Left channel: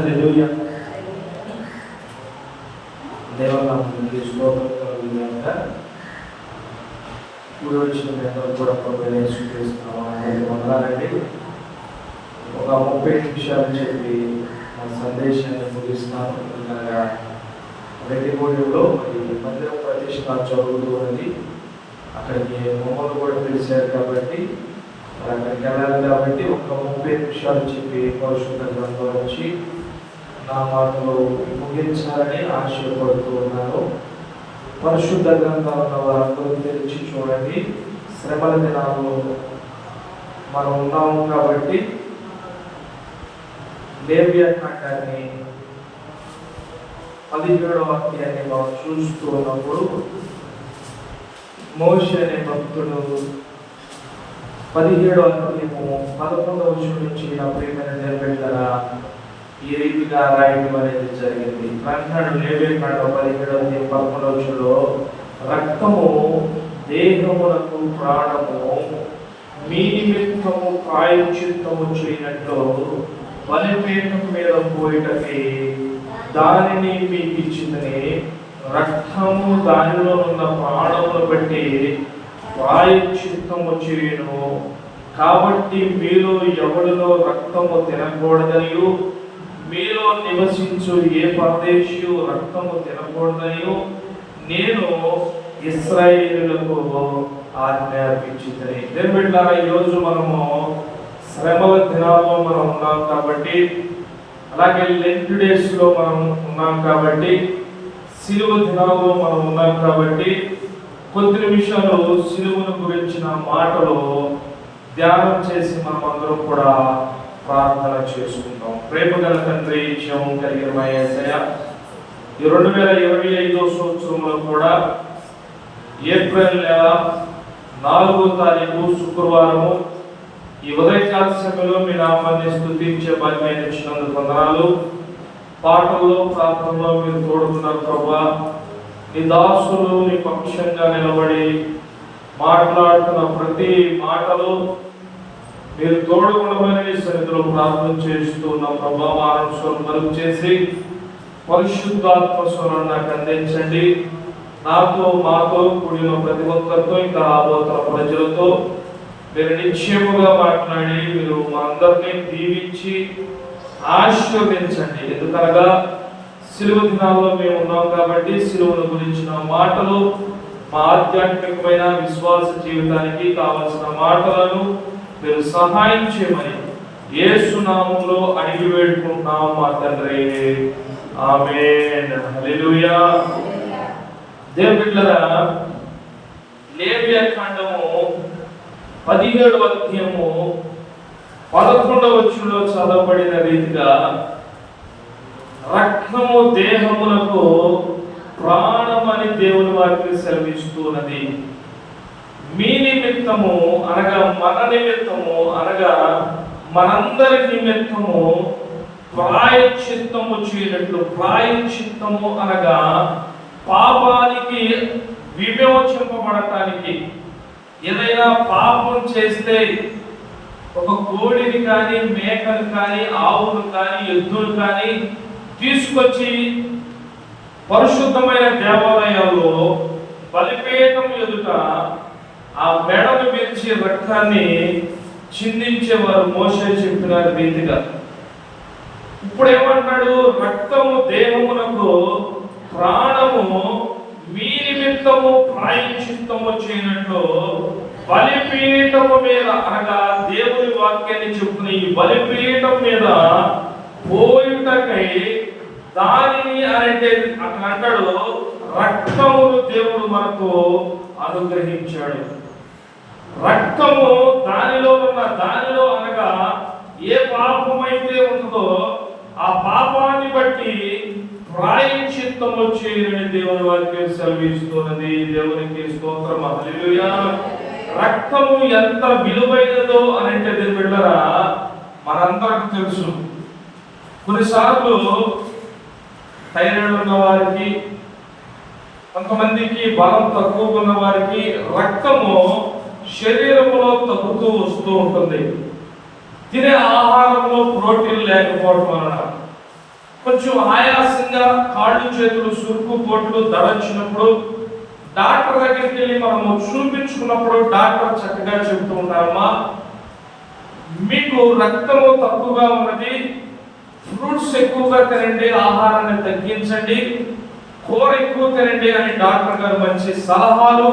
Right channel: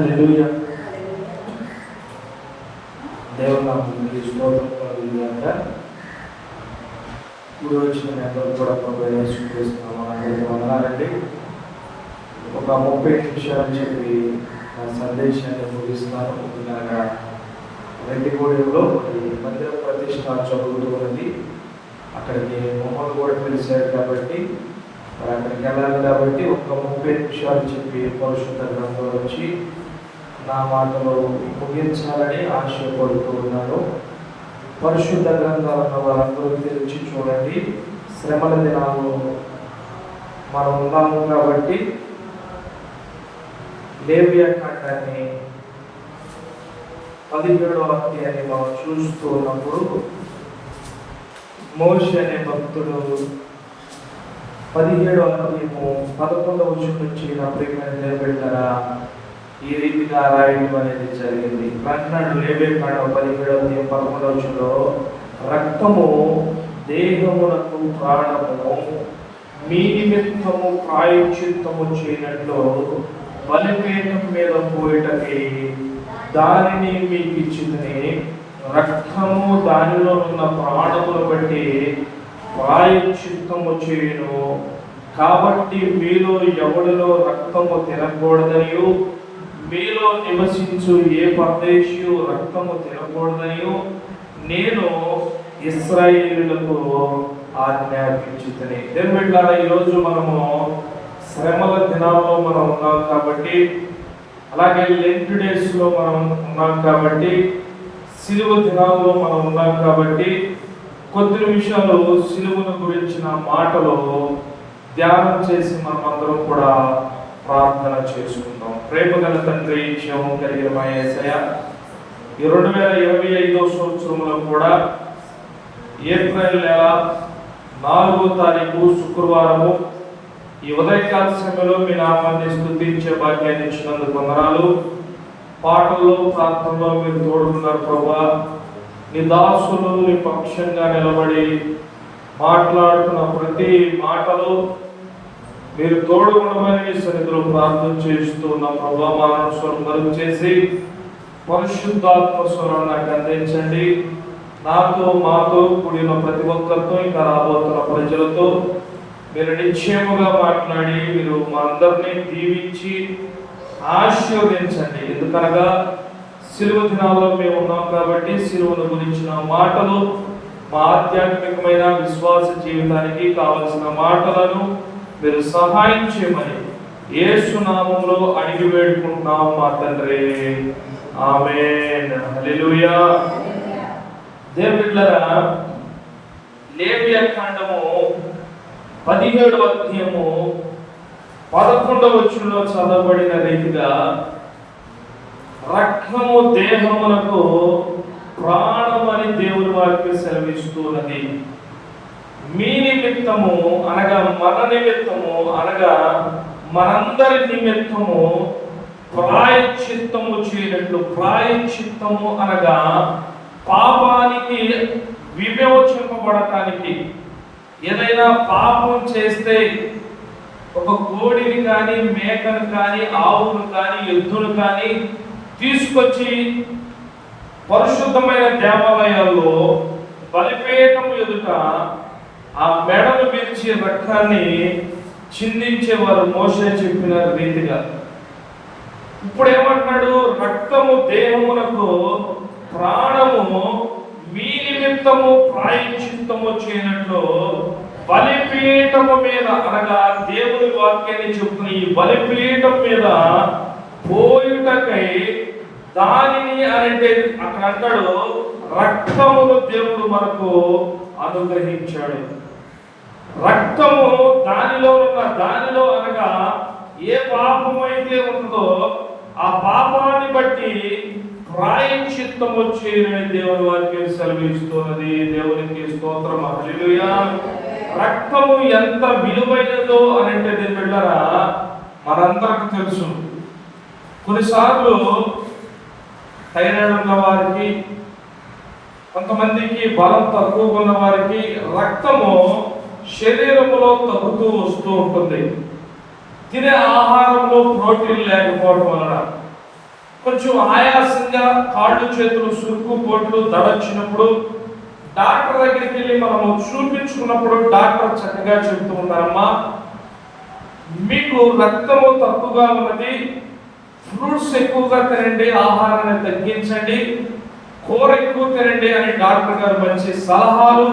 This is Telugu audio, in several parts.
హల్లెలూయా దేవనామానికి స్తోత్రం కలుగుగాక కూడి వచ్చిన అందరూ కూడా ప్రభు యేసుక్రీస్తున్నాం అందరికీ ఒక ముప్పై నిమిషాలు చెప్పి నా సందేశాన్ని ముగిస్తున్నాను. అనగా రెడ్డిగూడెంలో ఈ మందిర ప్రతిష్ట చదువుతూ ఉంది. అక్కడికి మొహమ్మద్ కూడా తెలిసాడు కాబట్టి మరి అక్కడికి వెళ్ళాలి కాబట్టి ఒక ముప్పై నిమిషాలు చెప్పి పురుషుల గ్రంథం వచ్చి నా మాటలు ముగించాలని ఆశయపడుతూ ఉన్నాను. పరిశుద్ధ గ్రంథాలు వారందరూ తెరిచి చూడండి. శ్రమల దినాల్లో మనం ఉన్నాము కాబట్టి లేవ్య కాండాన్ని పదిహేడవ అధ్యాయాన్ని మనం చూస్తూ ఉన్నప్పుడు మోషే అనే భక్తుడు పదిహేడవ అధ్యాయము పదకొండవ వచనం నుంచి నా ప్రేమను నిలబెట్టారా ఈ రీతిగా రాయడం అనేది జరిగింది? అంటున్నాడు లేవే కాండ పదిహేడవ అధ్యాయం పదకొండవ రక్తము దేహమునకు ప్రాణము మీ నిమిత్తము ప్రాయశ్చిత్తము చేయనట్లు బలిపీఠం మీద పోయిటకి దానిని మీకు ఇచ్చిందని రక్తము దానిలో ఉన్న ప్రాణమును బట్టి ప్రాయశ్చిత్తము చేయను. కాబట్టి మీలో ఎవరిలో రక్తము తినకూడదనియు మీలో నివసించు ఏ పరదేశియు రక్తము తినకూడదనియు నేను ఇస్రాయేలులకు ఆజ్ఞాపించుతని దేని ఈరోజు మనము శ్రమల దినాల్లో మనం ఉన్నాం కాబట్టి అలాగే లెంట్ డేస్లో మనం ఉన్నాం కాబట్టి సిలువ దినాల్లో మనం ఉన్నాం కాబట్టి కొద్ది నిమిషాలు సిలువను గురించిన మాటలు ధ్యానం చేసి మనం అందరం కూడా ప్రార్థన చేసుకుంటాం ప్రేమ గల తండ్రి జీవం కలిగిన మా ఈ రెండు వేల ఇరవై ఐదో సంవత్సరంలో కూడా ఏప్రిల్ నెల నాలుగో తారీఖు శుక్రవారము ఈ ఉదయకాల సమయంలో మీ నామాన్ని స్థుతించే భాగ్యాన్ని ఇచ్చినందుకు వందనాలు. పాటల్లో ప్రార్థనలో మీరు తోడుకున్నారు ప్రభా. నీ దాసులు నీ పక్షంగా నిలబడి మాట్లాడుతున్న ప్రతి మాటలో మీరు తోడుకునమని సన్నిధిలో ప్రార్థన చేస్తూ ఉన్న. ప్రభా మానవ చేసి పరిశుద్ధాత్మ స్వరం నాకు అందించండి. నాతో మాతో కూడిన ప్రతి ఒక్కరితో ఇంకా రాబోతున్న ప్రజలతో మీరు నిశ్చయముగా మాట్లాడి మీరు మా అందరినీ దీవించి ఆశీర్వదించండి. ఎందుకనగా సిలువ దినాల్లో మేము ఉన్నాం కాబట్టి సిలువను గురించిన మాటలు మా ఆధ్యాత్మికమైన విశ్వాస జీవితానికి కావలసిన మాటలను మీరు సహాయం చేయమని యేసు నామములో అడిగి వేడుకుంటున్నాం మా తండ్రి. ఆమేన్. హల్లెలూయా. దేవుడిల్లరా కాండము పదిహేడు అధ్యయము పదకొండవ వచ్చులో చదవబడిన రీతిగా రక్తము దేహమునకు ప్రాణం అని దేవుని వాక్యం సెలవిస్తున్నది. మీ నిమిత్తము అనగా మన నిమిత్తము అనగా మనందరి నిమిత్తము ప్రాయశ్చిత్తము చేయనట్లు ప్రాయశ్చిత్తము అనగా పాపానికి విమోచింపబడటానికి. ఏదైనా పాపం చేస్తే ఒక కోడిని కానీ మేకను కానీ ఆవును కానీ ఎద్దును కానీ తీసుకొచ్చి పరిశుద్ధమైన దేవాలయంలో బలిపేయటం ఎదుట ఆ మెడను విరిచి రక్తాన్ని చిందించేవారు మోసే చెప్పిన రీతిగా. ఇప్పుడు ఏమంటున్నాడు రక్తము దేహమునకు ప్రాణము మీ నిమిత్తము ప్రాయచిత్తము చేయనట్లు బలిపీఠము మీద అనగా దేవుని వాక్యాన్ని చెప్పిన ఈ బలిపీఠం మీద పోయుటకై దానిని అంటే అక్కడ అంటాడు రక్తమును దేవుడు మనకు అనుగ్రహించాడు. రక్తము దానిలో ఉన్న దానిలో అనగా ఏ పాపమైతే ఉందో ఆ పాపాన్ని బట్టి ప్రాయశ్చిత్తం చేయని దేవుని వాక్యం సెలవిస్తున్నది. దేవునికి స్తోత్రం. హల్లెలూయా. రక్తము ఎంత విలువైనదో అని అంటే దేవుని మనందరికి తెలుసు. కొన్నిసార్లు థైరాయిడ్ ఉన్న వారికి కొంతమందికి బలం తక్కువ ఉన్న వారికి రక్తము శరీరంలో తగ్గుతూ వస్తూ ఉంటుంది. తినే ఆహారంలో ప్రోటీన్ లేకపోవడం వలన కొంచెం ఆయాసంగా కాళ్ళు చేతులు సురుకు పొట్లు దడొచ్చినప్పుడు డాక్టర్ దగ్గరికి వెళ్ళి మనము చూపించుకున్నప్పుడు డాక్టర్ చక్కగా చెప్తూ ఉంటారమ్మా మీకు రక్తము తక్కువగా ఉన్నది ఫ్రూట్స్ ఎక్కువగా తినండి ఆహారాన్ని తగ్గించండి కూర ఎక్కువ తినండి అని డాక్టర్ గారు మంచి సలహాలు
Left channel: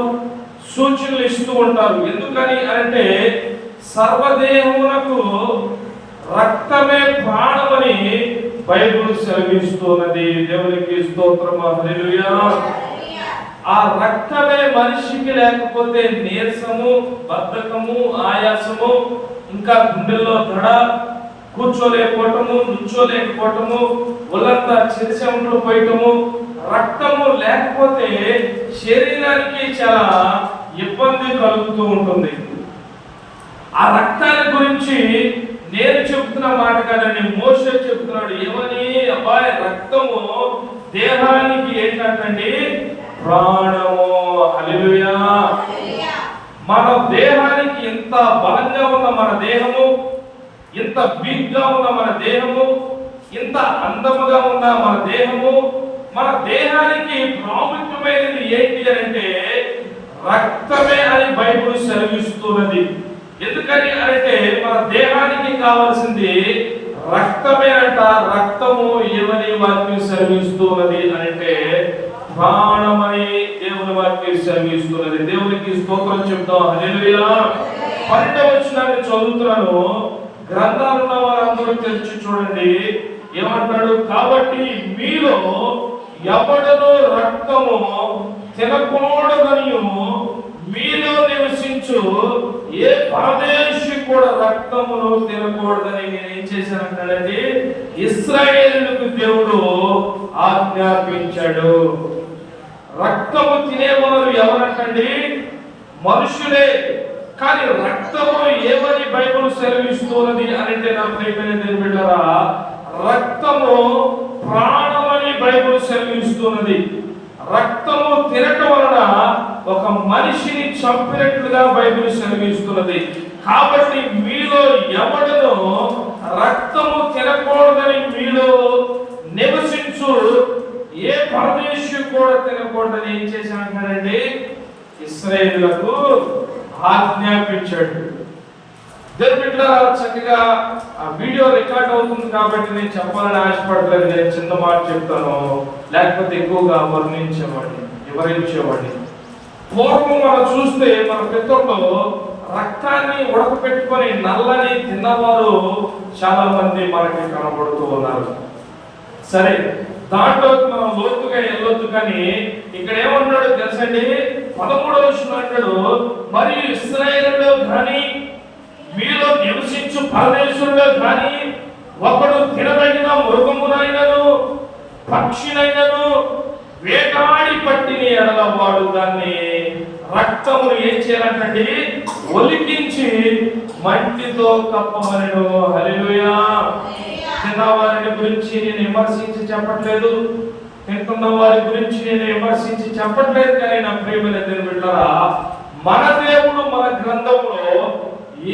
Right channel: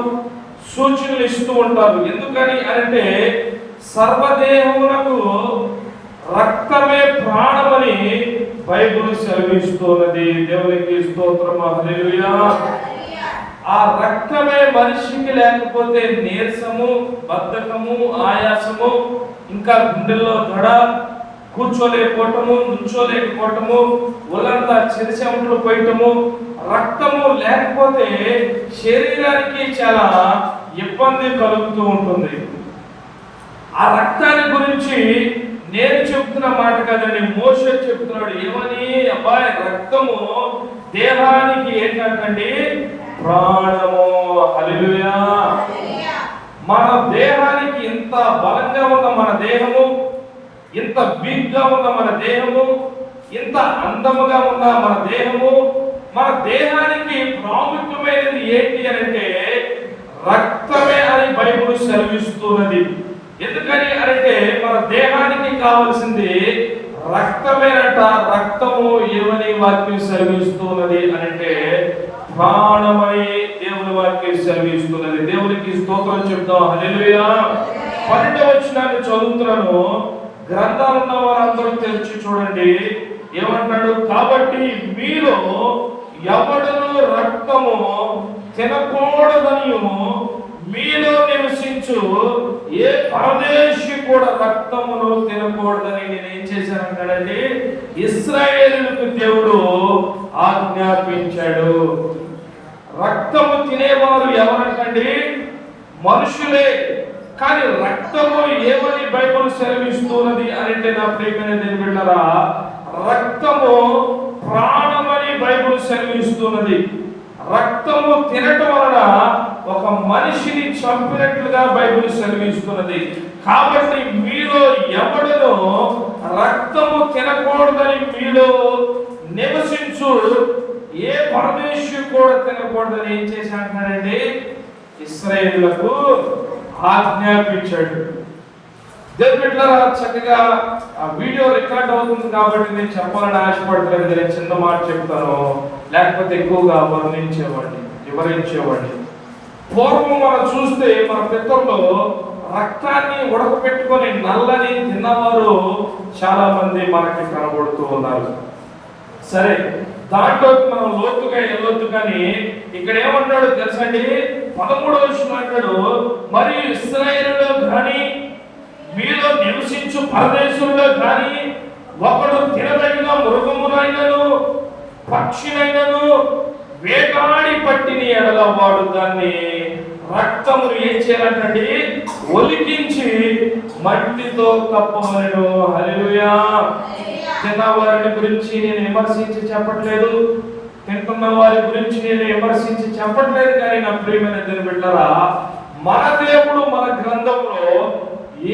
సూచనలు ఇస్తూ ఉంటారు. ఎందుకని అంటే సర్వదేహమునకు రక్తమే ప్రాణమని బైబుల్ సెలవిస్తున్నది. దేవునికి స్తోత్రము. హల్లెలూయా. ఆ రక్తమే మనిషికి లేకపోతే నీరసము బద్ధకము ఆయాసము ఇంకా గుండెల్లో దడ కూర్చోలేకపోవటము నుంచోలేకపోవటము ఒళ్ళంతా చెరిచెములు పోయటము రక్తము లేకపోతే శరీరానికి చాలా ఇబ్బంది కలుగుతూ ఉంటుంది. ఆ రక్తాన్ని గురించి నేను చెప్తున్న మాట కదండి మోసే చెప్తున్నాడు ఏమని? అబ్బాయి రక్తము దేహానికి ఏంటంటే ప్రాణము. హల్లెలూయా. మన దేహానికి ఇంత బలంగా ఉన్న మన దేహము ఇంత వీక్గా ఉన్న మన దేహము ఇంత అందముగా ఉన్న మన దేహము మన దేహానికి ప్రాముఖ్యత ఏంటి అని అంటే రక్తమే అని బైబుల్ సెలవిస్తున్నది ఎందుకని అంటే మన దేహానికి కావలసింది రక్తమేనట రక్తము ఏమని వాక్యం సెలవిస్తున్నది అని అంటే ప్రాణమని దేవుని వాక్యం సెలవిస్తున్నది. దేవునికి స్తోత్రం చెప్తాం. హల్లెలూయా. పన్నెండవ వచనాన్ని చదువుతున్నాను. గ్రంథాలు వారందరూ తెరిచి చూడండి. ఏమంటాడు కాబట్టి మీలో ఎవడను రక్తము తినకూడదని మీలో నివసించు ఏ పరదేశి కూడా రక్తమును తినకూడదని నేను ఏం చేశానంటాడండి ఇస్రాయేలుకు దేవుడు ఆజ్ఞాపించాడు. రక్తము తినేవారు ఎవరంటండి? మనుషులే. కానీ రక్తము ఏమని బైబుల్ సెలవిస్తున్నది అంటే నా ప్రియమైన దేవుని బిడ్డలారా రక్తము ప్రాణమని బైబుల్ సెలవిస్తున్నది. రక్తము తినటం వలన ఒక మనిషిని చంపినట్లుగా బైబిల్ సెలవిస్తున్నది. కాబట్టి మీలో ఎవడను రక్తము తినకూడదని మీలో నివసించు. ఏ పరదేశం కూడా తినకూడదని ఏం చేశాడంటే ఇస్రాయేళ్ళకు ఆజ్ఞాపించాడు. దేవుని చక్కగా ఆ వీడియో రికార్డ్ అవుతుంది కాబట్టి నేను చెప్పాలని ఆశపడలేదు నేను చిన్న మాట చెప్తాను. లేకపోతే ఎక్కువగా వర్ణించేవాడిని వివరించేవాడిని. పూర్వం మనం చూస్తే మన పెద్దలు రక్తాన్ని ఉడకపెట్టుకొని నల్లని తిన్నవారు చాలా మంది మనకి కనబడుతూ ఉన్నారు. సరే దాంట్లో మనం లోతుగా వెళ్ళొద్దు కానీ ఇక్కడ ఏమన్నాడు తెలుసండి? పదమూడవ విషయం అంటాడు మరి ఇస్రాయేలులో కానీ మీలో నివసించు ప్రదేశంలో కానీ ఒకడు తినదగిన మృగమునైనను పక్షినైనను వేటాడి పట్టిన ఎడల వాడు దాన్ని రక్తమును ఏం చేయాలంటే ఒలికించి మట్టితో కప్పమనను. హల్లెలూయా. తిన్నవారిని గురించి నేను విమర్శించి చెప్పట్లేదు. తింటున్న వారి గురించి నేను విమర్శించి చెప్పట్లేదు కానీ నా ప్రియమైన దేవుని బిడ్డలారా మన దేవుడు మన గ్రంథంలో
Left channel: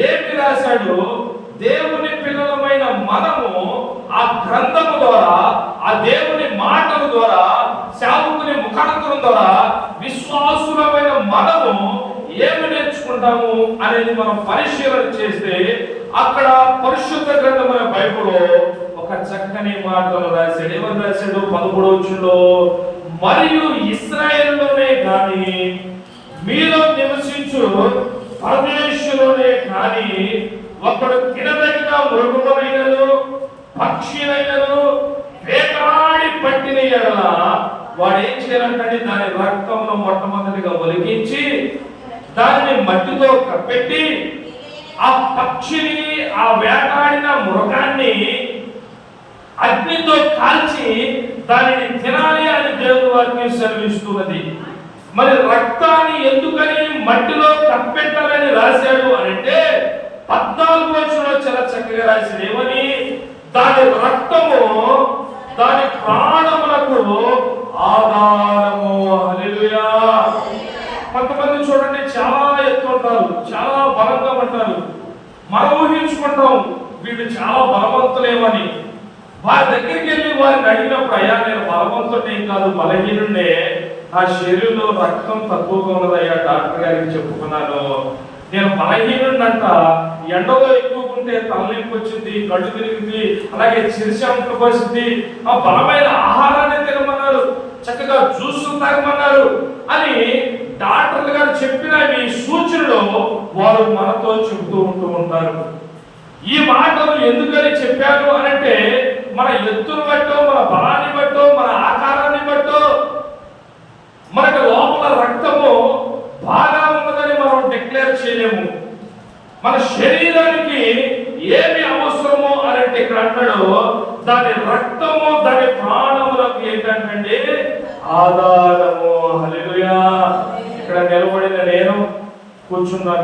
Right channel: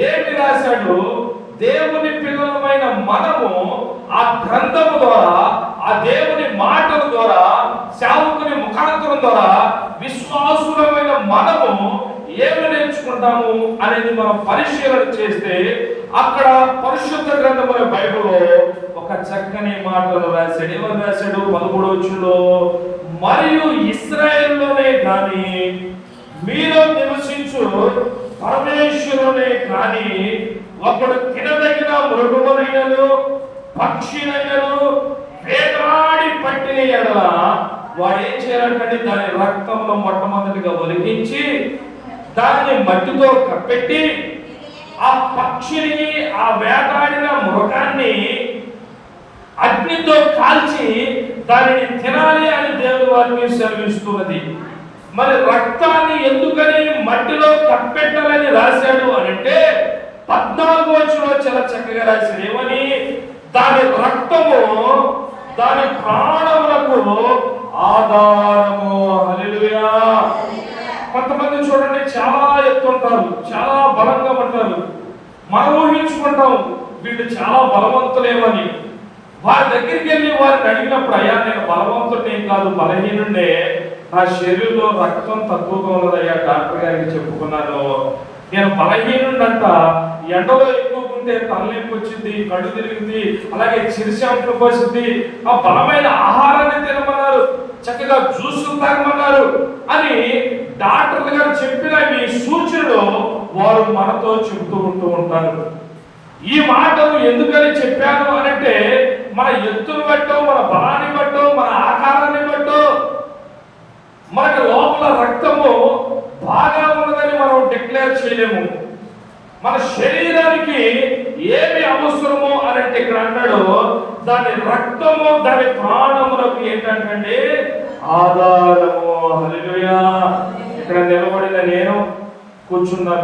ఏమి రాశాడు? దేవుని పిల్లలమైన మనము ఆ గ్రంథము ద్వారా ఆ దేవుని మాటల ద్వారా సేవకుని విశ్వాసులమైన మనము ఏమి నేర్చుకుంటాము అనేది మనం పరిశీలన చేస్తే అక్కడ పరిశుద్ధ గ్రంథమైన బైబిల్లో ఒక చక్కని మాటలు రాశాడు. ఏమని రాశాడు? పదమూడు వచ్చుడు మరియు ఇస్రాయేల్లోనే కానీ మీలో నివసించు పరమేశ్వరులే కానీ ఒకడు కిడదగిన మృగములైనను పక్షులైనను వేటాడి పట్టిన ఎడల వాడు ఏం చేయాలంటే దాని రక్తంలో మొట్టమొదటిగా ఒలిగించి దాన్ని మట్టితో కప్పెట్టి ఆ పక్షిని ఆ వేటాడిన మృగాన్ని అగ్నితో కాల్చి దానిని తినాలి అని దేవుని వారికి సెలవిస్తున్నది. మరి రక్తాన్ని ఎందుకని మట్టిలో కప్పెట్టాలని రాశాడు అంటే పద్నాలుగు వచ్చిన చాలా చక్కగా రాశాడు ఏమని దాని రక్తము దాని ప్రాణములకు ఆధారము హల్లెలూయా కొంతమంది చూడండి చాలా ఎత్తు ఉంటారు చాలా బలంగా ఉంటారు మనం ఊహించుకుంటాం వీళ్ళు చాలా బలవంతులేమని వారి దగ్గరికి వెళ్ళి వారిని అడిగినప్పుడు అయ్యా నేను బలవంతుడిని కాదు బలహీనుడే నా శరీరంలో రక్తం తక్కువగా ఉన్నదయ్యా డాక్టర్ గారికి చెప్పుకున్నాను నేను బలహీనుడంట ఎండలో ఎక్కువ ఉంటే తలనొప్పి వచ్చింది కళ్ళు తిరిగింది అలాగే చిరుశంపులు పోసింది ఆ బలమైన ఆహారాన్ని తినమన్నారు. చక్కగా జ్యూసులు తాగమన్నారు అని డాక్టర్లు గారు చెప్పిన మీ సూచనలు వారు మనతో చెబుతూ ఉంటూ ఉంటారు. ఈ మాటలు ఎందుకని చెప్పాను అనంటే మన ఎత్తును బట్టో మన బలాన్ని బట్టో మన ఆకారాన్ని బట్టో మనకు లోపల రక్తము బాగా ఉన్నదని మనం డిక్లేర్ చేయలేము మన శరీరానికి ఏమి అవసరమో అనంటే ఇక్కడ అన్నాడు దాని రక్తము దాని ప్రాణములకు ఏంటంటే ఆధారము హల్లెలూయా ఇక్కడ నిలబడిన నేను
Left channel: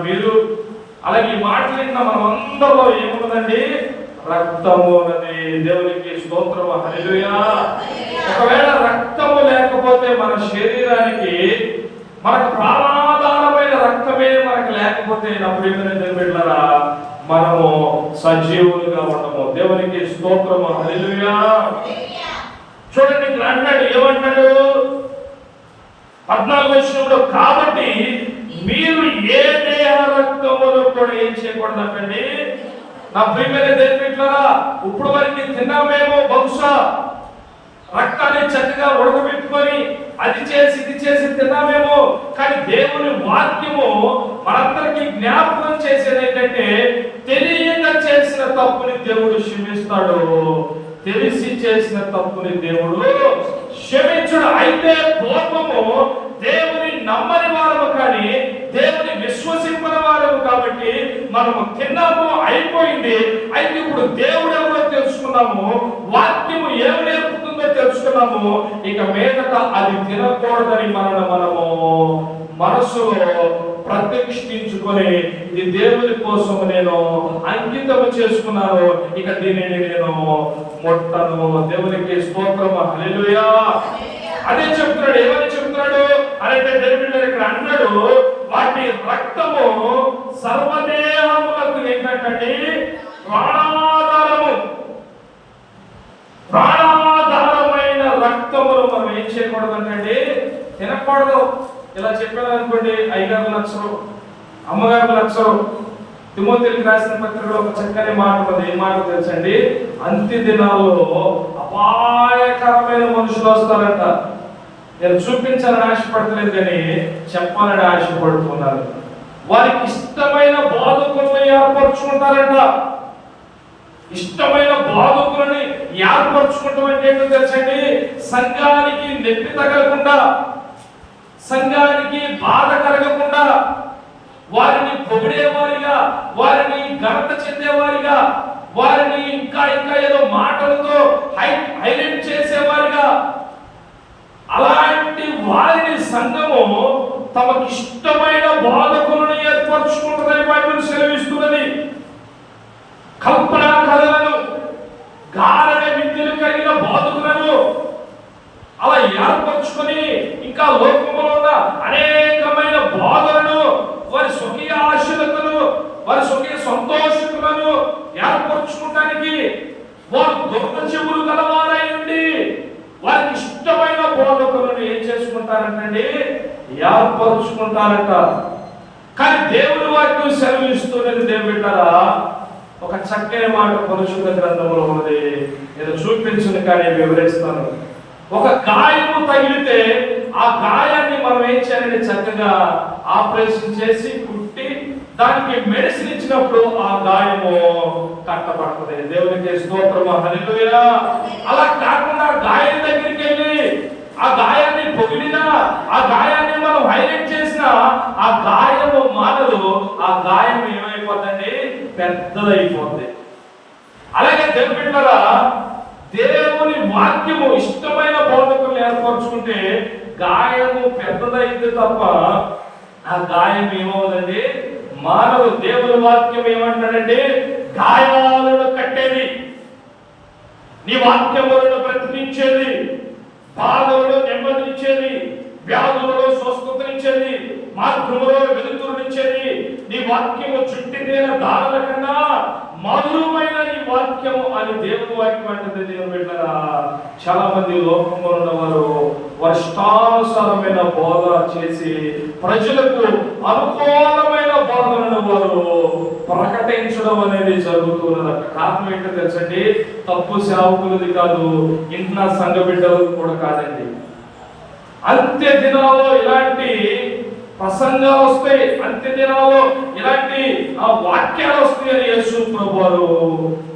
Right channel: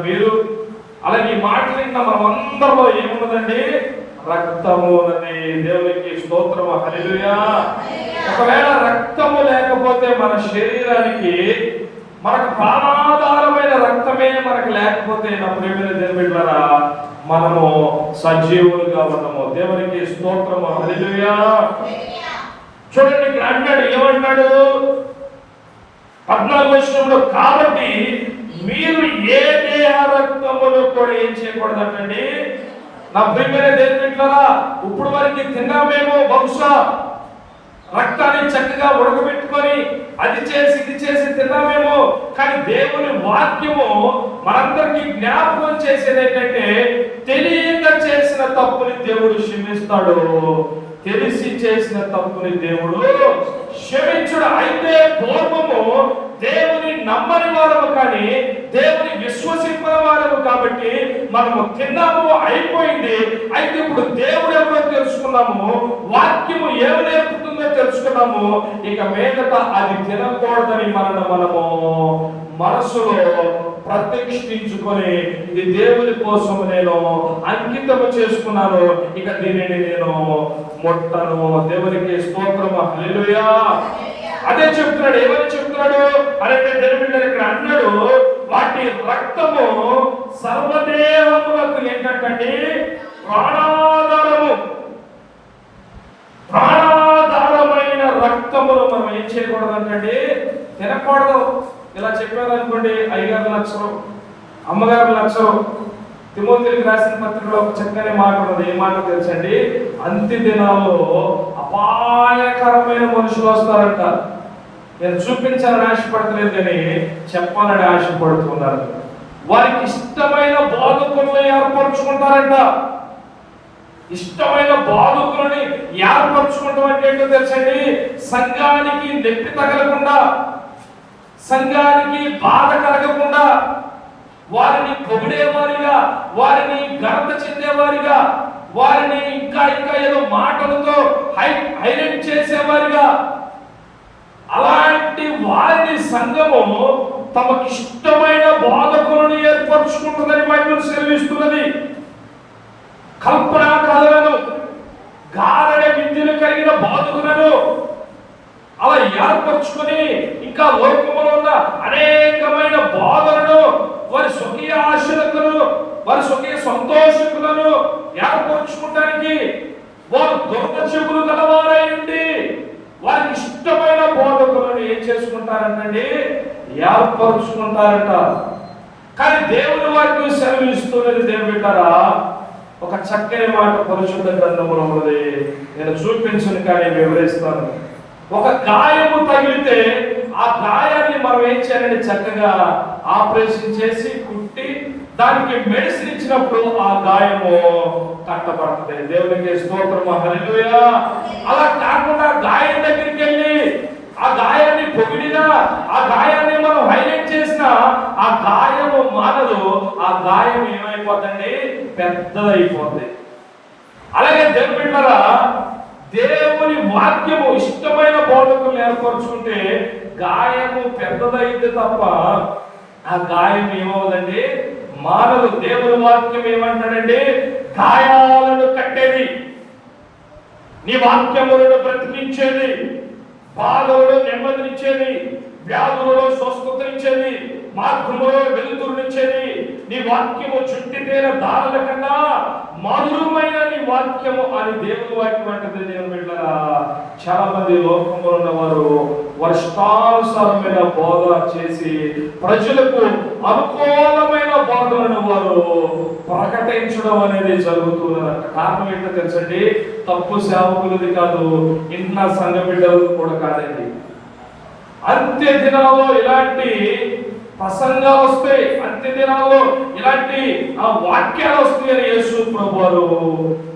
కూర్చున్న అలాగే మాటలు ఇంకా మనం అందరిలో ఏమున్నదండి రక్తము ఉన్నది దేవునికి స్తోత్రము హల్లెలూయా ఒకవేళ రక్తము లేకపోతే మన శరీరానికి మనకు ప్రాణాధారమైన రక్తమే మనకు లేకపోతే నా ప్రియమైన దేవుళ్ళరా మనము సజీవులుగా ఉండము దేవునికి స్తోత్రము హల్లెలూయా చూడండి ఇక్కడ అంటాడు ఏమంటాడు పద్నాలుగు వచ్చినప్పుడు కాబట్టి మీరు ఏ దేహ రక్తములు కూడా ఏం చేయకూడదు అంటండి నా ప్రియమైన దేవుడిట్లారా ఇప్పుడు వరకు తిన్నామేమో బహుశా రక్తాన్ని చక్కగా ఉడకబెట్టుకొని అది చేసి ఇది చేసి తిన్నామేమో. కానీ దేవుని వాక్యము మనందరికీ జ్ఞాపకం చేసేది ఏంటంటే తెలియక చేసిన తప్పుని దేవుడు క్షమిస్తాడు. తెలిసి చేసిన తప్పుని దేవుడు క్షమించుడు. అయితే పూర్వము దేవుని నమ్మని వారము కానీ దేవుని విశ్వసింపని వారము కాబట్టి మనము తిన్నాము అయిపోయింది అయితే ఇప్పుడు దేవుడు ఎవరో తెలుసుకున్నాము వాక్యము ఏమి నేర్పుతుందో తెలుసుకున్నాము ఇక మీదట అది తినకూడదని మనం మనము మనసులో ప్రతిష్ఠించుకొని ఇది దేవుని కోసం నేను అంకితం చేసుకున్నాను. ఇక దీనిని నేను ముట్టను. దేవునికి స్తోత్రము. అదే చెప్తున్నాడు అయితే దేవుడు ఇక్కడ అన్నాడు వాటి రక్తము సర్వదేహములకు ఏంటంటే ప్రాణాధారము ప్రాణాధారమైన రక్తములు మనం ఏం చేయకూడదు అంటే తినకూడదు ఇలా చెప్పాను అనుకోండి అయ్యగారు లక్షలు అమ్మగారు లక్షలు తిమోతికి రాసిన పత్రికలో ఒక చక్కని మాట ఉన్నది. ఏం మాట తెలుసండి? అంత్య దినాల్లో అపాయకరమైన మనుషులు వస్తారంట. నేను చూపించాలని ఆశపడతలేదు కానీ చెప్పాలని ఆశపడుతున్నారు వారికి ఇష్టమైన బోధకులను ఏర్పరచుకుంటారంట. ఇష్టమైన బోధకులని ఏర్పరచుకుంటాం అంటే ఏంటో తెలుసండి? సంఘానికి నెప్పి తగలకుండా సంఘానికి బాధ కలగకుండా వారిని పొగిడేవారిగా వారిని ఘనత చెందేవారిగా వారిని ఇంకా ఇంకా ఏదో మాటలతో హై హైలైట్ చేసేవారిగా అలాంటి వారిని సంఘము తమకిష్టమైన బోధకులను బాధకులను ఏర్పరచుకుంటుందని బైబిల్ సెలవిస్తున్నది. కల్పన కథలను గారడ విద్యలు కలిగిన బాధకులను అలా ఏర్పరచుకొని ఇంకా లోకంలో వారు దుర్గ చెవులు గలవారై ఉండి వారికి ఇష్టమైన బోధకులను ఏం చేసుకుంటారంటండి? ఏర్పరచుకుంటారంట. కానీ దేవుని వాక్యం సెలవిస్తున్నది పెట్టారా ఒక చక్కని మాట పరిశుద్ధ గ్రంథంలో ఉంది. నేను చూపించిన కానీ వివరిస్తాను. ఒక గాయము తగిలితే ఆ గాయాన్ని మనం ఏం చేయాలంటే చక్కగా ఆపరేషన్ చేసి దానికి మెడిసిన్ ఇచ్చినప్పుడు ఆ గాయము కట్టబడుతుంది దేవునికి స్తోత్రము. హల్లెలూయా. అలా కాకుండా గాయం దగ్గరికి వెళ్ళి ఆ గాయాన్ని పొగిడినా ఆ గాయాన్ని మనం హైలైట్ చేసినా ఆ గాయము మానదు. ఆ గాయం ఏమైపోతుంది పెద్దదైపోతుంది అలాగే తెలిపెట్టారా దేవుని వాక్యము ఇష్టమైన బోధకులు ఏర్పరచుకుంటే గాయము పెద్దదైతే తప్ప ఆ గాయం ఏమవుదండి? మానవు దేవుని వాక్యం ఏమంటాడంటే గాయాలను కట్టేది. నీ వాక్యములను బ్రతికించేది. బాధలలో నెమ్మదినిచ్చేది. వ్యాధులలో స్వస్థతనిచ్చేది. మార్గంలో వెలుతురునిచ్చేది. నీ వాక్యము చుట్టి తీర దారుల కన్నా మధురమైన నీ వాక్యము అని దేవుని వాక్యం అంటే నేను పెట్టారా చాలా మంది లోకంలో ఉన్నవారు వర్షానుసారమైన బోధ చేసి ప్రజలకు అనుకూలమైన బోధనను వారు ప్రకటించడం అనేది జరుగుతున్నది కారణం ఏంటో తెలుసండి? తప్పు సేవకులది కాదు ఇంట్లో సంఘ బిడ్డలది కూడా కాదండి. అంత్య దినాల్లో ఇలాంటి ప్రసంగాలు వస్తాయి అంత్య దినాల్లో ఇలాంటి ఆ వాక్యాలు వస్తాయి అని యేసు ప్రభు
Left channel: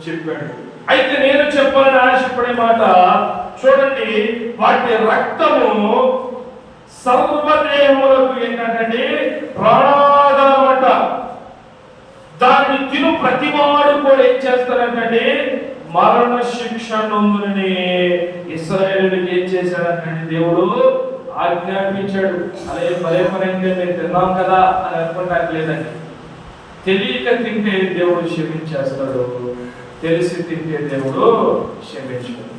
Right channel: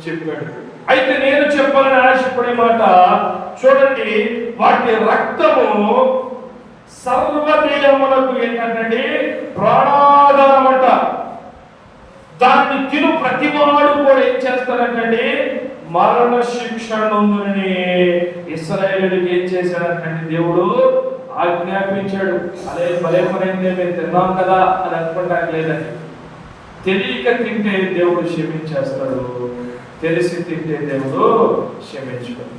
చెప్పాడు. అయితే నేను చెప్పాలని ఆశపడే మాట చూడండి వాటి రక్తము సర్వదేహములకు ఏంటంటే ప్రాణ అంట దాన్ని తిను ప్రతివాడు కూడా ఏం చేస్తారంటే మరణ శిక్ష నొందునని ఇస్రాయేలుడికి ఏం చేశారంటే దేవుడు ఆజ్ఞాపించాడు. అదే భలే పనైందే మేము తిన్నాం కదా అని అనుకుంటానికి లేదండి. తెలియక తింటే దేవుడు క్షమించేస్తాడు. తెలిసి తింటే దేవుడు క్షమించాడు.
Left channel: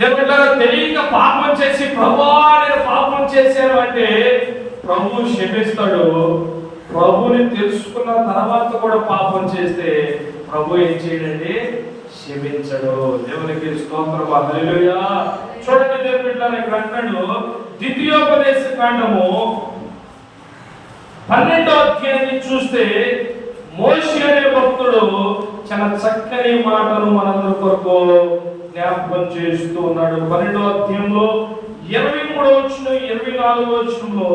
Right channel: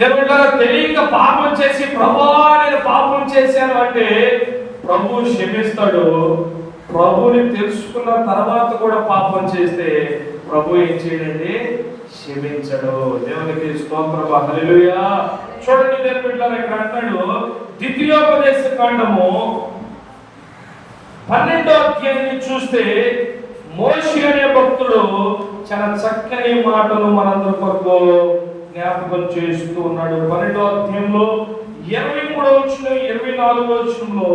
దేవుడు తెలియక పాపం చేసి ప్రభు నేను పాపం చేశాను అంటే ప్రభు క్షమిస్తాడు. ప్రభుని తెలుసుకున్న తర్వాత కూడా పాపం చేస్తే ప్రభు ఏం చేయడండి? క్షమించడు. దేవునికి స్తోత్రం. హల్లెలూయా. చూడండి దేవుని బిడ్డలారా ఇక్కడ అంటాడు ద్వితీయోపదేశ కాండము పన్నెండో అధ్యాయాన్ని చూస్తే మోషి అనే భక్తుడు చాలా చక్కని మాటలు మనందరి కొరకు జ్ఞాపకం చేస్తూ ఉన్నాడు. పన్నెండో అధ్యాయంలో ఇరవై మూడో వచ్చిన ఇరవై నాలుగో వచ్చినలో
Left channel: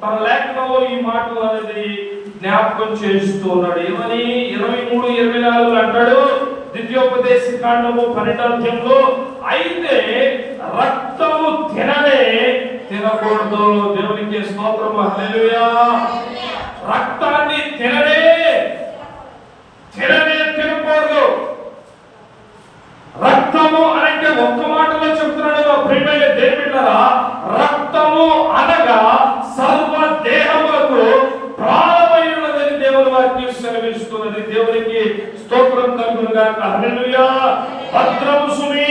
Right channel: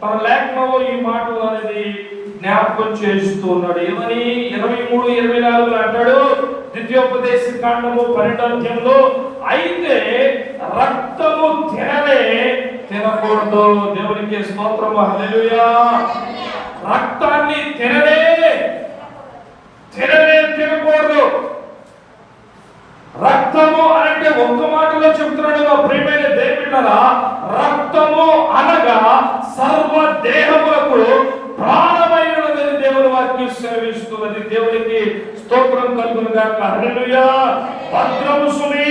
తన లేఖనంలో ఈ మాటలు అనేది జ్ఞాపకం చేస్తూ ఉన్నాడు ఏమని? ఇరవై మూడు ఇరవై నాలుగు అంటాడు ద్వితీయోపదేశ కాండము పరిణామంలో అయితే రక్తము తినలే తినకూడదు. దేవునికి స్తోత్రం హల్లెలూయా. రక్తాన్ని తినలే తినలే తినకూడదు. రక్తము అంటే ఒక్క మాటలో చెప్తున్నాడు నా దేవుళ్ళరా రక్తము అనగా సర్వ దేహములకు ప్రాణమైనదని దేవుని వాక్యం సెలవిస్తున్నది దేవునికి స్తోత్రం కలుగును గాక హల్లెలూయా భద్రము సుమి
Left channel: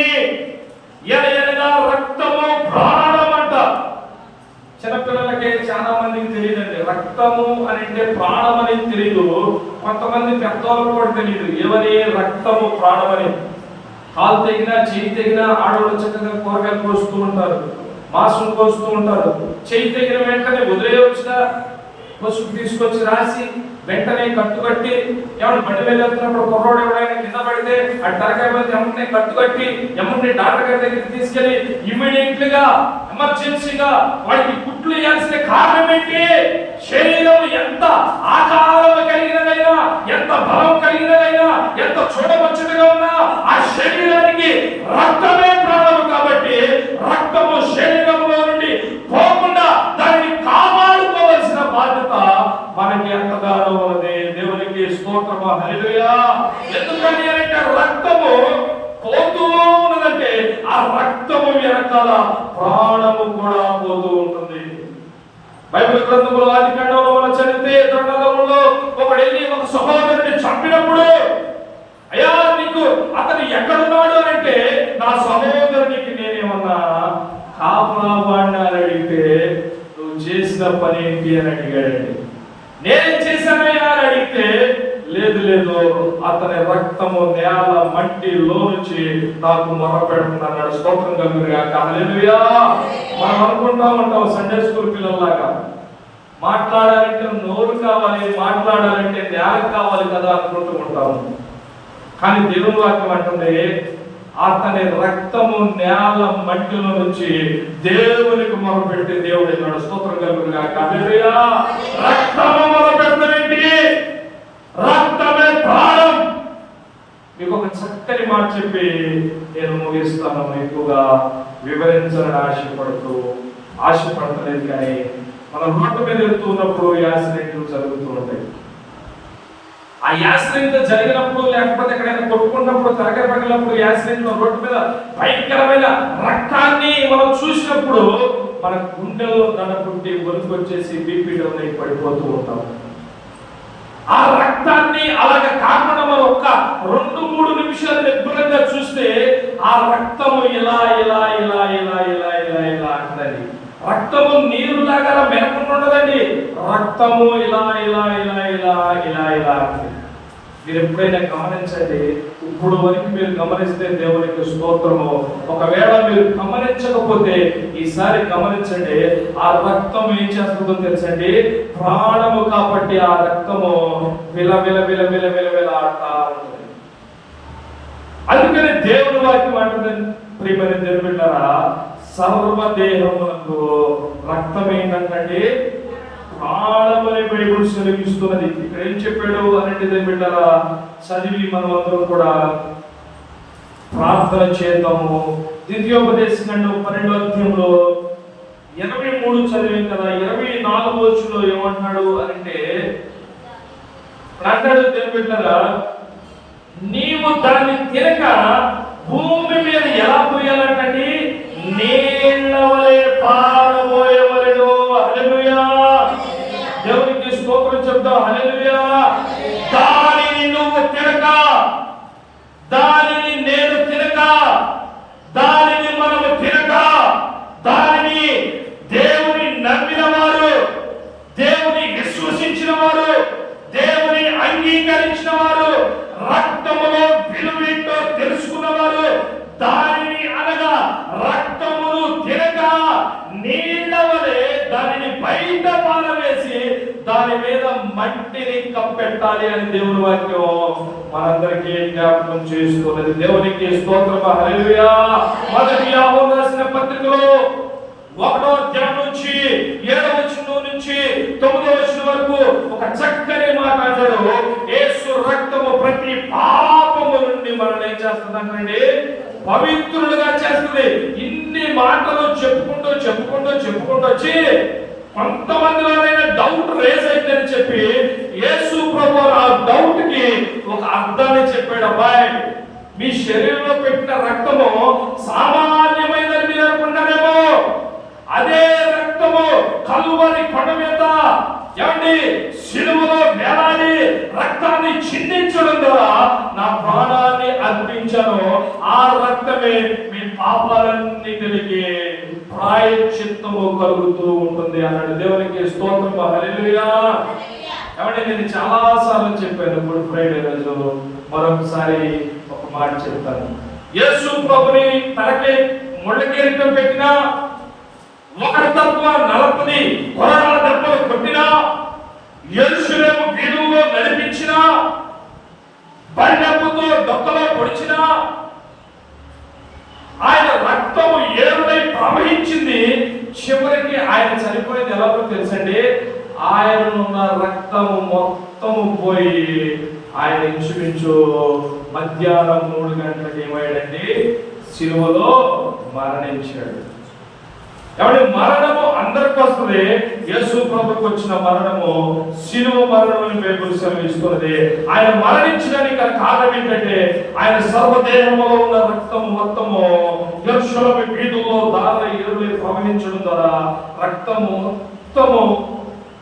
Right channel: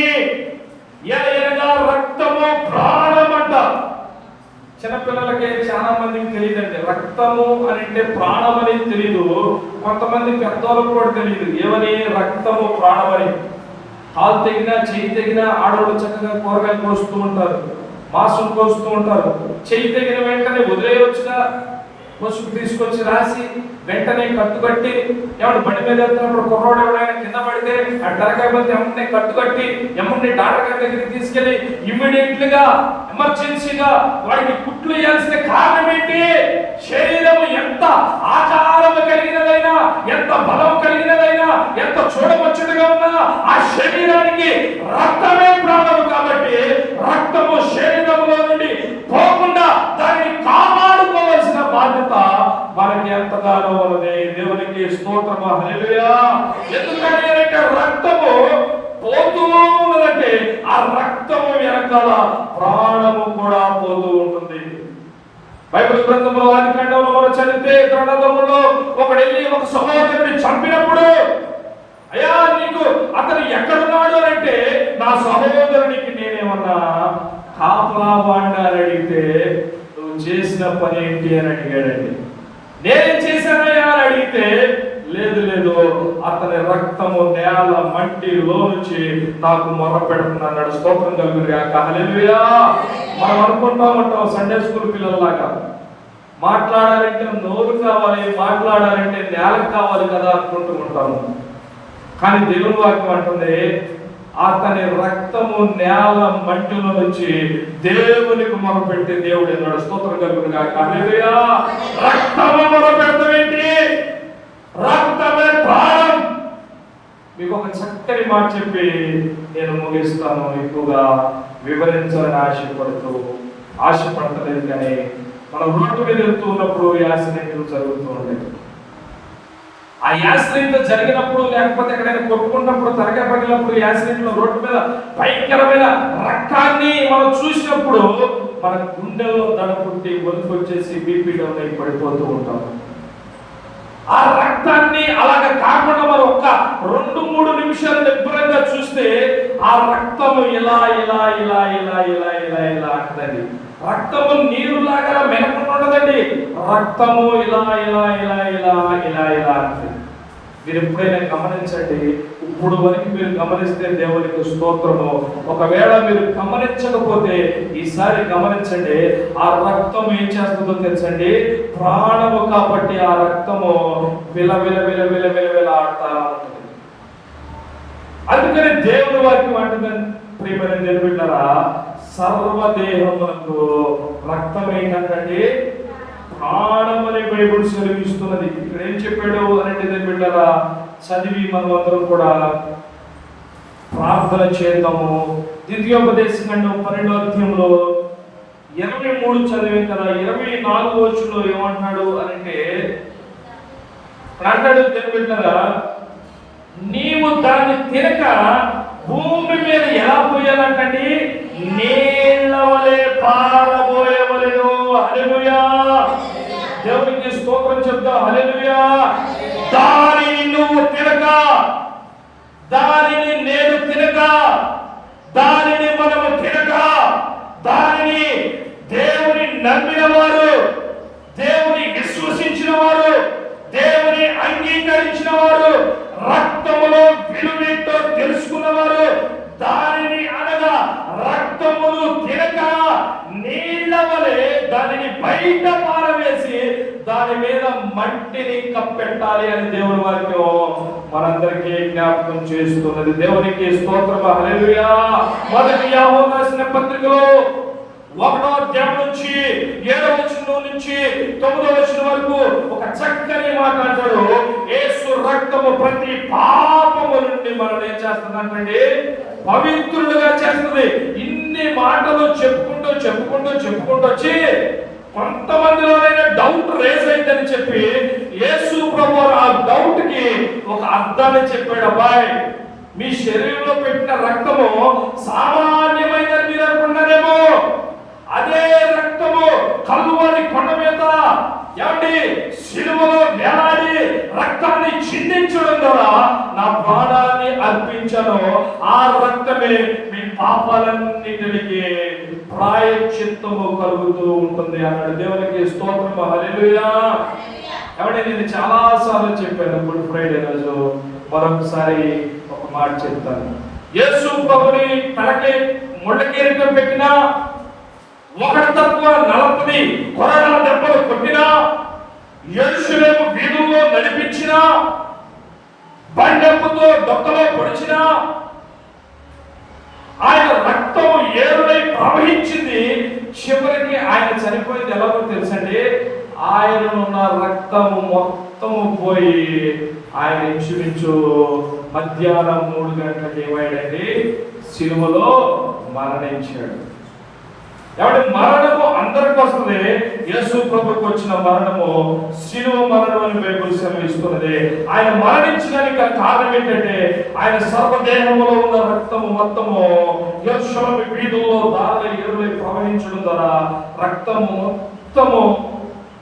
ఎనగా రక్తము ప్రాణమంట చిన్నపిల్లలకి చాలా మందికి తెలియదండి రక్తము అని అంటే ప్రాణం అనేది తెలియదు కొంతమంది పెద్దవాళ్ళకు కూడా తెలియదు ఏమని రక్తము ప్రాణం అని కాలు తెగినా చెయ్యి తెగినా ఆడవాళ్ళు చక్కగా కూరగాయలు కోస్తూ ఉంటారు మాంసం కోస్తూ ఉంటారు. చెయ్యి తెగిన వెంటనే వదిలేయవచ్చుగా పసుపు తీసుకొచ్చి రాసి వెంటనే కట్టుకట్టి ఏమన్నా బండి మీద వెళ్తున్నప్పుడు కుర్రోడు ఎవడైనా కింద పడితే ఆ తలకాయ వెళ్తే ఎమ్మని కట్టుకట్టి ఎమ్మని డాక్టర్ గారి దగ్గరికి తీసుకెళ్ళి ఇమ్మీడియట్గా ఎమర్జెన్సీగా వాడికి కుట్లు వేయాల్సిన కారణం ఏంటి శరీరం ఎంత ఆకారం కలిగినదైనా ఎంత బలం కలిగినదైనా ఎంత చూడముచ్చటగా ఉన్నా ఆ శరీరానికి రక్తమే ప్రాణము కాబట్టి రక్తము శరీరంలో నుండి పోకుండా దాన్ని కాపాడుకోవాల్సిన బాధ్యత మనకి ఎంతగానో ఉన్నది దేవునికి స్తోత్రము హల్లెలూయా ఎందుకని అంటే రక్తము పోతూ ఉన్నదంటే ఆ రక్తము వెనకాల ప్రాణము కూడా పోతూ ఉంటుంది బైబిల్ గ్రంథంలో ఆది కాండంలో మనం చదివితే గ్రంథంలో ఒకడు వెళ్ళి ఒక సహోదరుని చంపినప్పుడు అయ్యా నీకు అతను ఎక్కడున్నాడు అని అంటే నా సహోదరునికి నేనేమన్నా కాపలా వాడిని అని అడిగితే నువ్వు చేసిన పని ఏంటి అని అడిగాడండి నేనేం చేశానయ్యా అని అడిగితే లేదు లేదు అతని రక్తము నేల మట్టిలో నుంచి మాకు మొర పెడుతున్నాడు స్తోత్రం కలుగుగాక హల్లెలూయా. మనం అనుకుంటా ఉంటాం సండే స్కూల్ పిల్లల్లాగా. మాట్లాడాలంటే నోరు కావాలి మాట్లాడాలంటే నేల కావాలి కదా అనుకుంటూ ఉంటాము కానీ దేవుని వాక్యం అంటుంది అతని రక్తము నేల మట్టిలో నుంచి దేవునికి మొదలుపెడితే దేవుడు ఎన్నడు స్తోత్రం కలుగురుగా హల్లెలూయా. రక్తము మొదలుపెడతామేంటి రక్తమే ప్రాణం మీకు ఒక చక్కని మాట చెప్పి నేను ముగిస్తాను. ఎక్కువగా వివరించాలని ఆశపడుతూ ఆశపడతలేదు కానీ మనం రోడ్డు మీద వెళ్తూ ఉన్నప్పుడు యాక్సిడెంట్లు జరుగుతూ ఉంటాయి ఆ యాక్సిడెంట్ జరిగినప్పుడు లేకపోతే ఎక్కడైనా కొట్టుకున్నప్పుడు తరగతి పడినప్పుడు యాక్సిడెంట్ రోడ్డు మీద భయంకరమైన రక్తాన్ని మనం చూసినప్పుడు మన గుండెల్లో దడ పుట్టి వణుకు వచ్చేసి బీపీ డౌన్ అయి పడిపోతూ ఉంటాం ఆ రక్తాన్ని అలాగ కాకుండా మనం ఒక్క రెండు మూడు నిమిషాలు నిబ్బరంగా చూస్తే ఆ రక్తము ఇలా ఇలా ఇలా ఇలా ఇలా ఇలా ఇలా అంటదండి. రక్తము నీరులాగా మెలకుండా ఉండదండి. రక్తము ఇలా ఇలా ఇలా ఇలా ఇలా ఇలా అంటే మీరు ఎప్పుడైనా గమనించండి ఇప్పుడు వరకు మీరు గమనిస్తే దేవునికి స్తోత్రము. ఒకవేళ మీరు గమనించకపోతే ఈసారి గమనించండి ఆ రక్తం ఏం చేస్తుందో తెలుసండి? ప్రాణము కాబట్టి ఆ రక్తము విల విల విల విల విల విల ఆడతా అందుకని దేవుడు వాక్యం అంటుందని ప్రియమైన దేవుడు బిడ్డలారా, సర్వదేహమునకు రక్తం ఏంటంటే ప్రాణమని బైబుల్ సెలవిస్తున్నది. ఇక్కడ ఏం చెప్పాడు అనేది దేవుని బిడ్డలారా చదివి మనం కూడా ప్రార్థన చేద్దాము. ద్వితీయోపదేశంలో పన్నెండో అధ్యాయంలో ఇరవై మూడు చదివాం కదా ఇరవై నాలుగు వచ్చిలో ఏమంటున్నాడు అంటే అంటాడు దేవుని బిడ్డలారా నీవు దాన్ని తినక భూమి మీద ఎలా పోయాలంటండి నీళ్ళ వలె పారబోయవలెను హల్లెలూయా దేవునికి స్తోత్రం చెప్తాం హల్లెలూయా దానిని నువ్వు తినక దానిని నేను తినక దానిని మనము తినక దానిని దేవుని నమ్మిన వారు దేవుని విశ్వసించిన వారు దేవుని అంగీకరించిన వారు రక్తములో విలువేంటో తెలుసుకున్న వారు దానిని అనగా రక్తమును తినక నీళ్ళ వలె దానిని బయట పారవేసి దాని మీద మట్టిని కప్పెట్టాలి అని దేవుని వాక్యం మనందరికీ జ్ఞాపకం చేస్తున్నది. దేవునికి స్తోత్రం హల్లెలూయా. మొదటి యాహోను రాసిన పత్రికలో ఒకటో అధ్యాయం నుంచి ఏడో వచనం నుంచి తొమ్మిదో వచనం వరకు ఒక చక్కని మాట అంటాడు యేసు రక్తము ప్రతి పాపము నుండి మనం ఏం చేస్తుందంటే పవిత్రుడుగా చేస్తుంది. ఇన్ని మాటలు చెప్పుకుంటూ చెప్పుకుంటూ చెప్పుకుంటూ వచ్చి కొంతమందిలోనైనా డౌట్ రేస్ అయిందని చెప్పి యేసు ప్రభు ఆ డౌట్కి ఒక అర్థాన్ని చెప్పాడు అబ్బాయి మీ శరీరంలో పెట్టిన రక్తము సామాన్యమైనది మీరు అనుకున్నారేమో అదే రక్తము కలువరి కొండ మీద ఏమండి సిలువలో వేలాడి రక్తాన్ని చిందించడం ద్వారా నా ప్రాణాన్ని అర్పించను. ఆ రక్తమే మీ పాపాలన్నింటికి ప్రాయశ్చిత్తము కలుగుతూ ఉంటుంది అన్నాడు. దేవునికి స్తోత్రం హల్లెలూయా. కాబట్టి నేను చాలా సార్లు చెప్పాను గుడ్ ఫ్రైడే రోజు. మరొకసారి ఒక మాట చెప్తాను. యేసు ప్రభుని తలకి ముళ్ళ పెట్టినా ఒకరి తరపున నలపది కొరడాల దెబ్బలు కొట్టినా ఎరుసలేము వీధుల్లో నడిపించినా బండెప్పుతో డొక్కలో పొడిచినా ఆయన రక్తము ఏరులై ప్రవహించింది. చివరికి ఆయన చనిపోయింది. ఎలాగో తెలుసండి? ఆయన ఉన్న రక్తము మొత్తము పోయి ఆయన ఇంచుమించు మధ్యాహ్నం మూడు గంటలకు ఏమయ్యాడండి? సిలువలో మరణించాడు. కాబట్టి మరణము అందరికి వస్తుంది? యేసు ప్రభుకు వచ్చిన మరణము శిలువ మరణం అని బైబిల్ సెలవిస్తున్నది. ఆయన మరణించడానికి కారణం ఏంటంటే ఆయన సర్వదేహంలో ఉన్న రక్తము మొత్తము యెరూషలేము వీధుల్లో దార ఎరువులు ప్రవహించడం ద్వారా రక్తము మొత్తము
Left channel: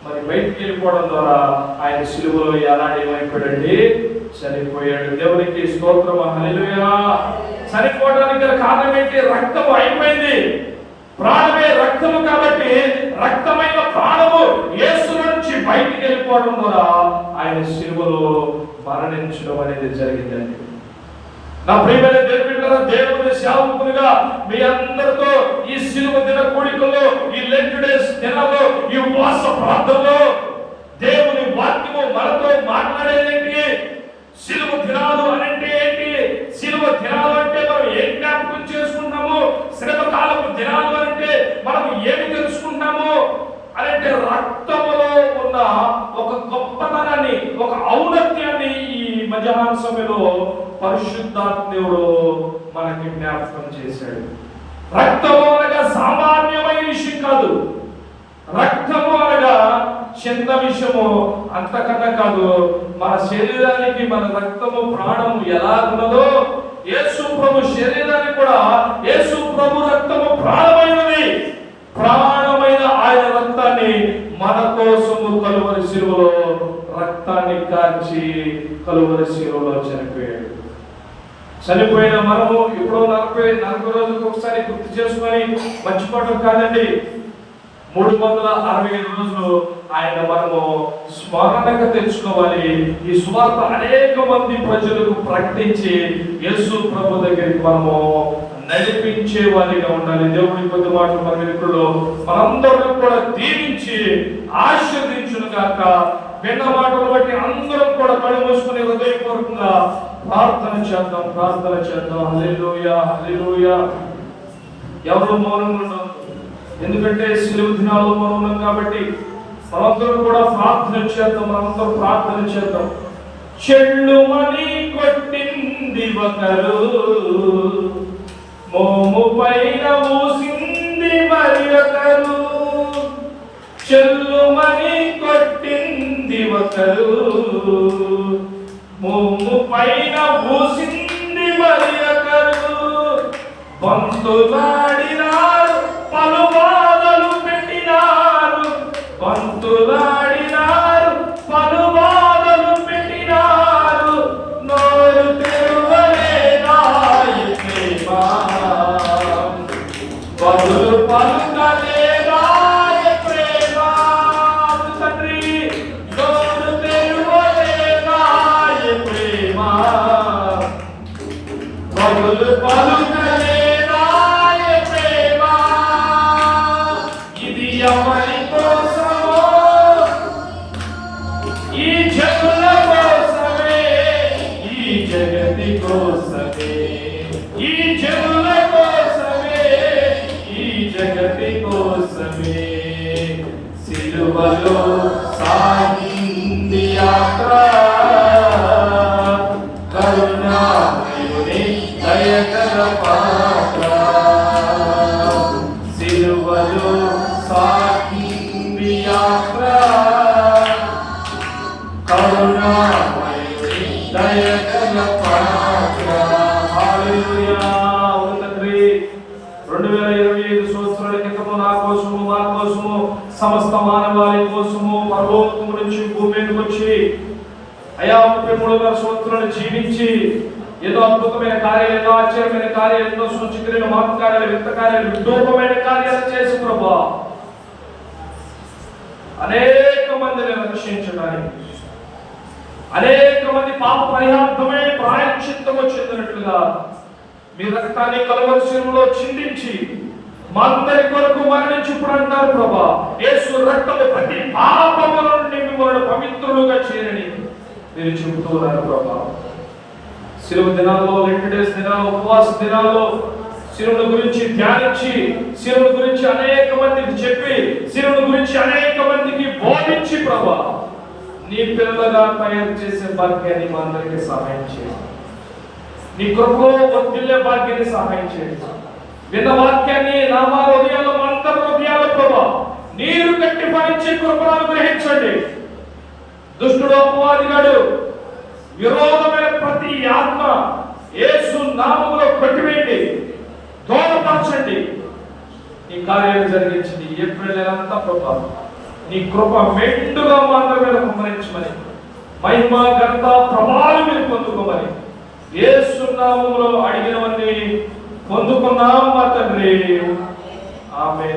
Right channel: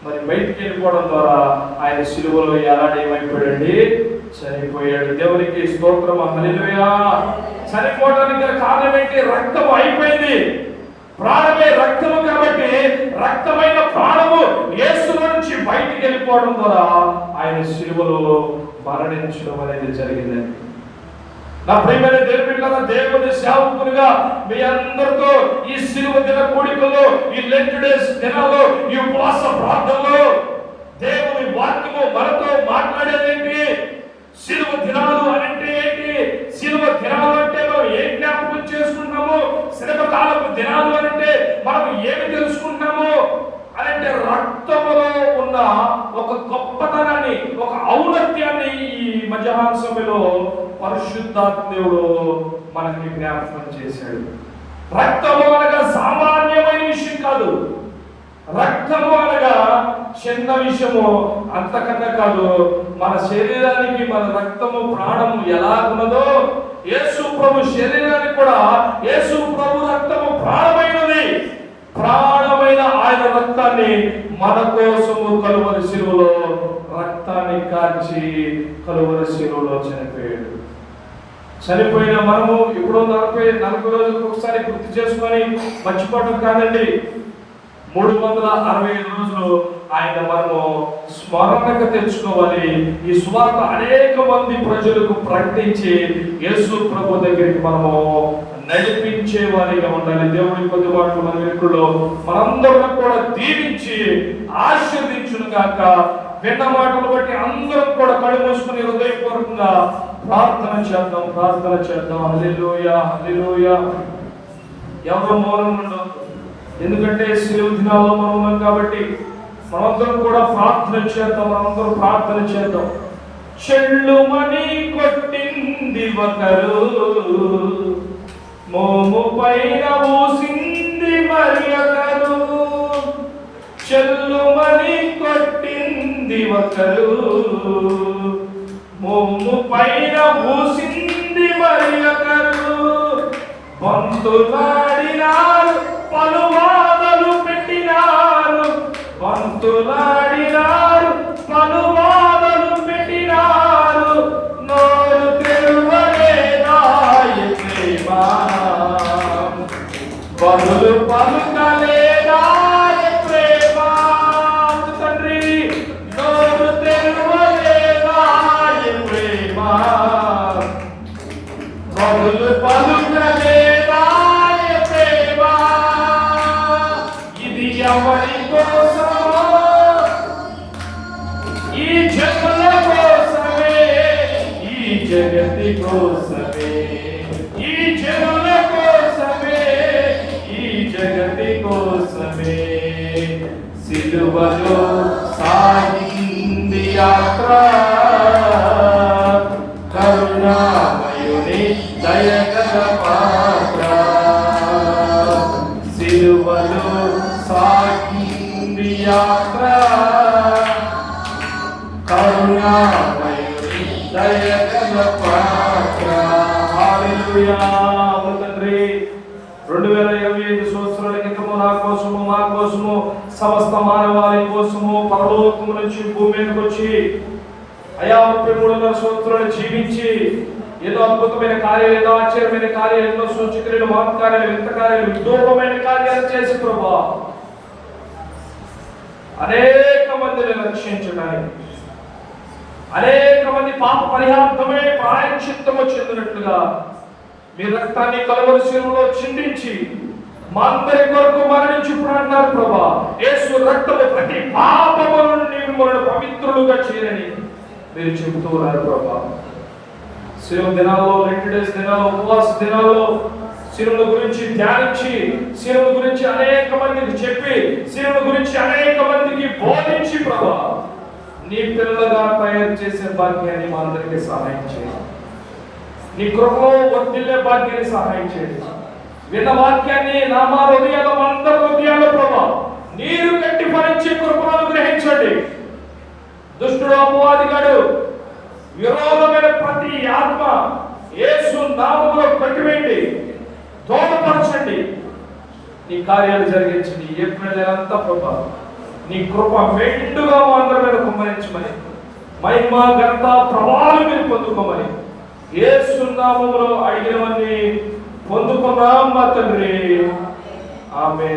మరి బయటికి వెళ్ళిపోవడం ద్వారా ఆయన శిలువలో ఎలాంటి ఏమైపోయాడండి చనిపోయాడు. దేవునికి స్తోత్రం హల్లెలూయా. చనిపోవడానికి కారణం ఏంటి? రక్తం అయిపోయింది. ప్రాణమే రక్తము కాబట్టి రక్తమైన ప్రాణము యేసు నుంచి బయటికి వెళ్ళిపోవడం ద్వారా ఆయన శిలువలో మరణించడం అనేది జరిగిందండి నా ప్రియమైన దేవుడిగా దేవుని సేవకులుగా మీ అందరితో ఈ శిలువ దిన కూడికలో ఈ లెంట్ డేస్ దినాల్లో ఈ ఉపవాస ప్రార్థనలో దేవుని వాక్యము మనతో మాట్లాడేదేంటి శిలువ దినాలు అంటే ఏంటి? శిలువ దినాలు అంటే మనం ఏం జ్ఞాపకం చేసుకుంటాము శ్రమ కాలపు దినాలు అంటే మనం ఏమి తెలుసుకుంటాము అని అంటే రక్తములో ఉన్న ఒక గొప్పతనాన్ని ఒక ఔన్నత్యాన్ని ఈ మధ్యాహ్న సభలో పరిశుద్ధాత్మేవుడు మనకి జ్ఞాపకం చేశాడు. రక్తము అనగా సామాన్యమైన విషయం కాదు. రక్తము అనగా చిన్న విషయము అంతకన్నా కాదు మన శరీరానికి మన రక్తము ప్రాణము ఎలా ఉన్నదో యేసు ప్రభు శరీరానికి కూడా యేసు ప్రభు రక్తము ప్రాణం ప్రాణమైన ఆయన రక్తాన్ని యేసును కలువరి శిలువలో రక్తాన్ని కార్చి కలువరి శిలువలో చనిపోయాడు. చనిపోయిన మనము ఇప్పుడు నలభై నలభై రోజులకు ఒకసారి గుర్తు చేసుకొని మర్చిపోవడం కాదండి. మూడు వందల అరవై ఐదు రోజులు ఆయన మనము స్మరణకు తెచ్చుకోవాలి. ఈ స్వార్థ అనేక మంది ప్రజలకు ప్రకటించి యేసు ప్రభు దగ్గరికి మనము నడిపించే వారిగా ఉండాలి. దేవుడి కొద్ది మాటలు మన వెలుగులో మనందరం కూడా దీవించి ఆశీర్దించును గాక విన్న మాటలు బట్టి అందరం కూడా కళ్ళు మూసుకుని హృదయపూర్వకంగా ప్రార్థన చేద్దాం ప్రార్థన చేద్దాం. హల్లెలూయా హల్లెలూయా. ఎవరు మౌనం ఉండదు ఎందుకంటే శిలువ దినాల మౌనం కాబట్టి మనందరం కూడా ప్రార్థన చేద్దాం మనందరం ప్రార్థన చేద్దాం. చెల్లుమని కొట్టింది ఒకరు. మోము పైన మూసింది మరి చెల్లు చెల్లుమని కొట్టింది ఒకరు. మోము పైన మూసింది మరి ఒకరు బంతులాడినారు పలు రెండు వేల ఇరవై ఐదు సంవత్సరాల క్రితము నా కోసము నా కోసము సమస్త మానవాళి కోసము పరలోకము నుంచి భూమి వచ్చి అయా ముప్పై మూడు సంవత్సరాలు జీవించి ఏదో అద్భుతమైన కార్యాలు ఏదో ఆశ్చర్యమైన కార్యాలు ఎన్నో సూచక్రియలు మహత్కార్యాలు వింత కార్యాలు విదూపమైన కార్యాలు చేసి ప్రభా అనేక మందిని రక్షించడానికి అనేక మంది పాప పరిహార్థమే ప్రాయశ్చిత్తము చెందినట్లుగా మీ రక్తాన్ని కలవలసిలో చిందించి మా అందరి కొరకు మరణించుప్పుడు అంటారు ప్రభా. యేసు రక్తము ప్రతి పాపము నుండి మిమ్మల్ని పవిత్రులుగా చేయని మీరు చెబుతున్నారు ప్రభా. శిలువ దినాల్లో రెండు డేస్ దినాల్లో ఉపవాస దినాల్లో శిలువుల గురించి ధ్యానించి శిలువుల గురించి అనేక మందికి చెప్పి శిలువుల గురించి అనేక మందికి బోధించి ప్రభా నీ పిల్లలుగా తయారు చేసే భాగ్యాన్ని మా అందరికీ సహాయం చేయండి. నీ కృపలో వర్ధిల్లే భాగ్యాన్ని సహాయం చేయండి. విన్న వాక్యాన్ని నా మా హృదయాల్లో అందరి హృదయాల్లో ప్రభా నీరు కట్టి ఫలించే కృపను గ్రహించండి దుష్టుడు అపవాదిగాడు విరోధమైన ప్రతి ఆత్మ యేసు నామంలో కట్టివేయండి తోడపరచండి నీ కార్యాలు జరిగించండి ఏప్రిల్ నెలంతా ప్రభా నీ కృప మెండుగా మా అందరి మీద కుమ్మరించమని మహిమ ఘనత ప్రభావం మీరు పొందుకోమని. ఏ సున్నామంలో అడిగినవన్నీ పొందుకున్నాం మా తండ్రి. ఆమె